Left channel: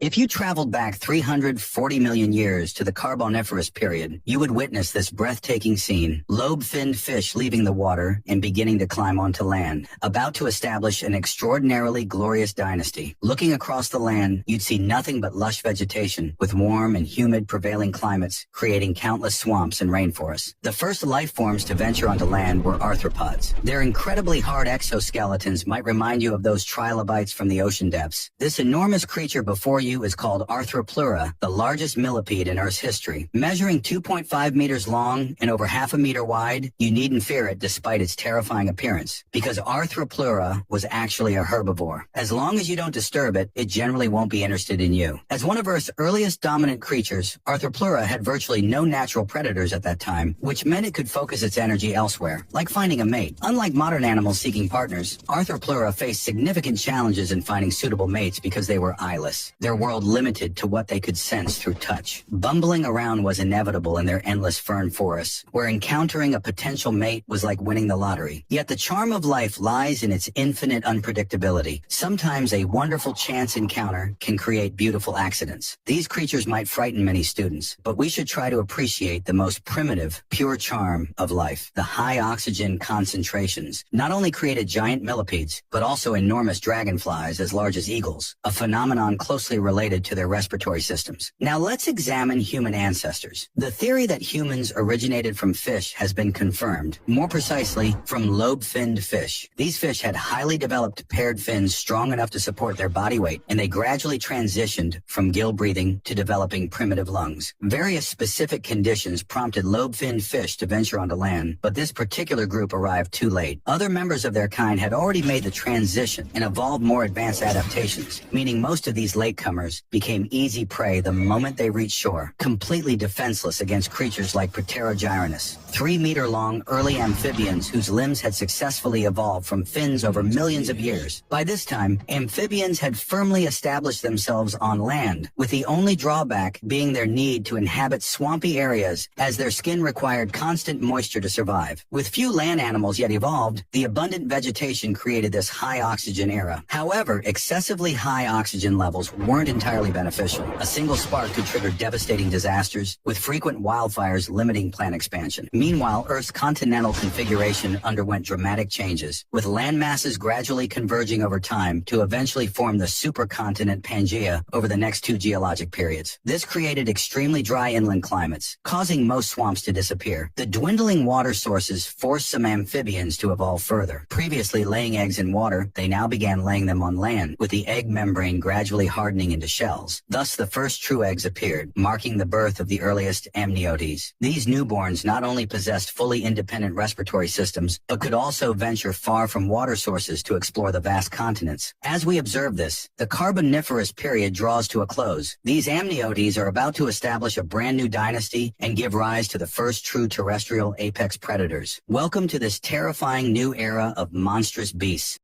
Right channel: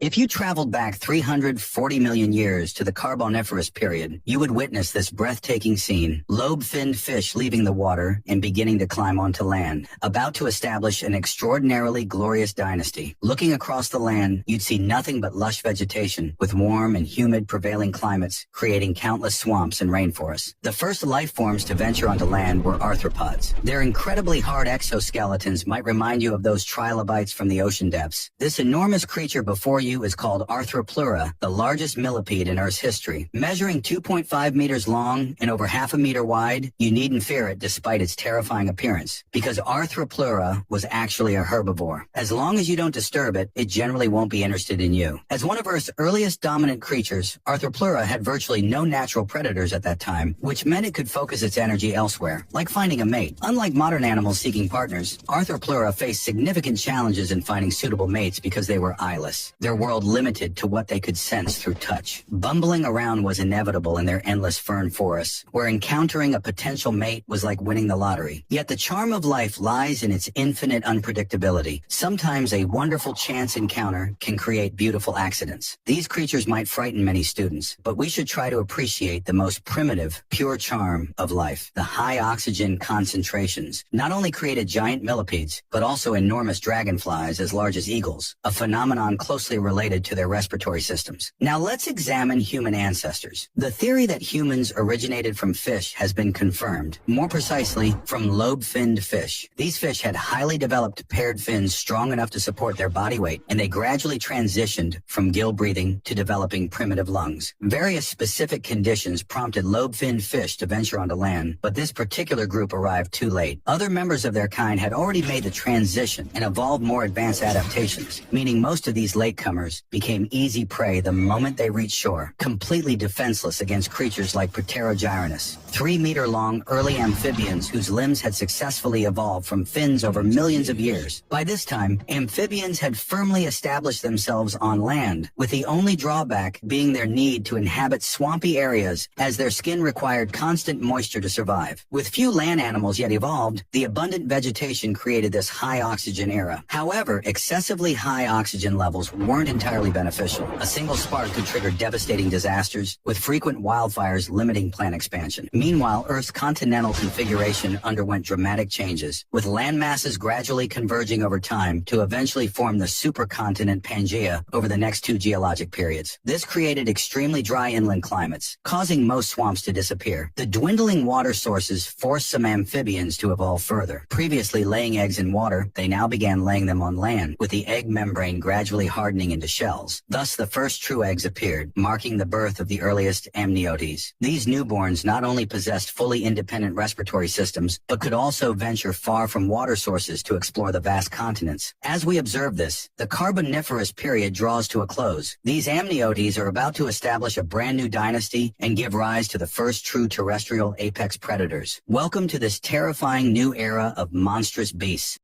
If you traveled back 340 million years to the Carboniferous period, you would witness this breathtaking scene. Lobe-finned fish leaving the water and beginning to climb onto land, about to establish an extraordinarily glorious dynasty. Looking across the land, you'd see nothing but lush vegetation, with warm and humid prevailing climates, creating countless swamps and rainforests. The first life forms to venture onto land were arthropods. Their incredibly hard exoskeletons might remind you of those trilobites from the ocean depths. This enormous creature before you is called Arthropleura, the largest millipede in Earth's history. Measuring 2.5 meters long and over half a meter wide, you needn't fear it despite its terrifying appearance, because Arthropleura was actually a herbivore. As long as you don't disturb it, it generally won't be interested in you. As one of Earth's earliest dominant creatures, Arthropleura had virtually no natural predators at that time, which meant it could focus its energy elsewhere, like finding a mate. Unlike modern animals seeking partners, Arthropleura faced significant challenges in finding suitable mates because they were eyeless. Their world limited to what they could sense through touch. Bumbling around was inevitable in their endless fern forests, where encountering a potential mate was like winning the lottery. Yet the charm of life lies in its infinite unpredictability. Sometimes a wonderful chance encounter can create beautiful accidents. These creatures might frighten many students, but we should try to appreciate the most primitive, pure charm of life. The high oxygen concentrations not only created giant millipedes, but also enormous dragonflies as large as eagles, a phenomenon closely related to their respiratory systems. Now let's examine human ancestors. The theory that humans originated from fish has been confirmed, more precisely from lobe-finned fish. These fish had highly developed paired fins strong enough to support their body weight, and they gradually transitioned from gill breathing to developing primitive lungs. Various specific conditions prompted lobe-finned fish to venture onto land, but this particular group arrived too late. Other members of their kind had already made the transition and evolved more advanced adaptations, meaning most of these latecomers became easy prey the moment they reached shore, completely defenseless against creatures like Proterogyrinus, 3-meter-long early amphibians whose limbs had successfully evolved from fins over millions of years. By this time, amphibians had firmly established themselves on land, with the only drawback being their need to inhabit swampy areas as their skin required constant moisture to survive. With few land animals yet evolved, the abundant vegetation created this high oxygen era. However, excessively high oxygen levels weren't entirely beneficial. A single spark could trigger devastating disasters, with frequent wildfires limiting plant expansion. Meanwhile, Earth's continental configuration underwent dramatic changes, with land masses gradually converging over time to eventually form the supercontinent Pangaea over the next 2 geologic periods. This created extremely dry inland climates, causing most swamps to disappear. The dwindling water sources forced some amphibians to evolve further. Previously laying eggs in water, they now began laying them on land, with the egg membrane gradually hardening into shells. Thus, the first true eggs appeared, marking the birth of the earliest amniotes. These newborns not only possessed fully independent respiratory systems, but could also venture far from water sources to explore the vast continents. As we observe this, the Carboniferous period draws to a close. These amniotes are about to establish a brand new dynasty and give rise to the first true terrestrial apex predators. Welcome to this terrifying new era of monstrous beasts.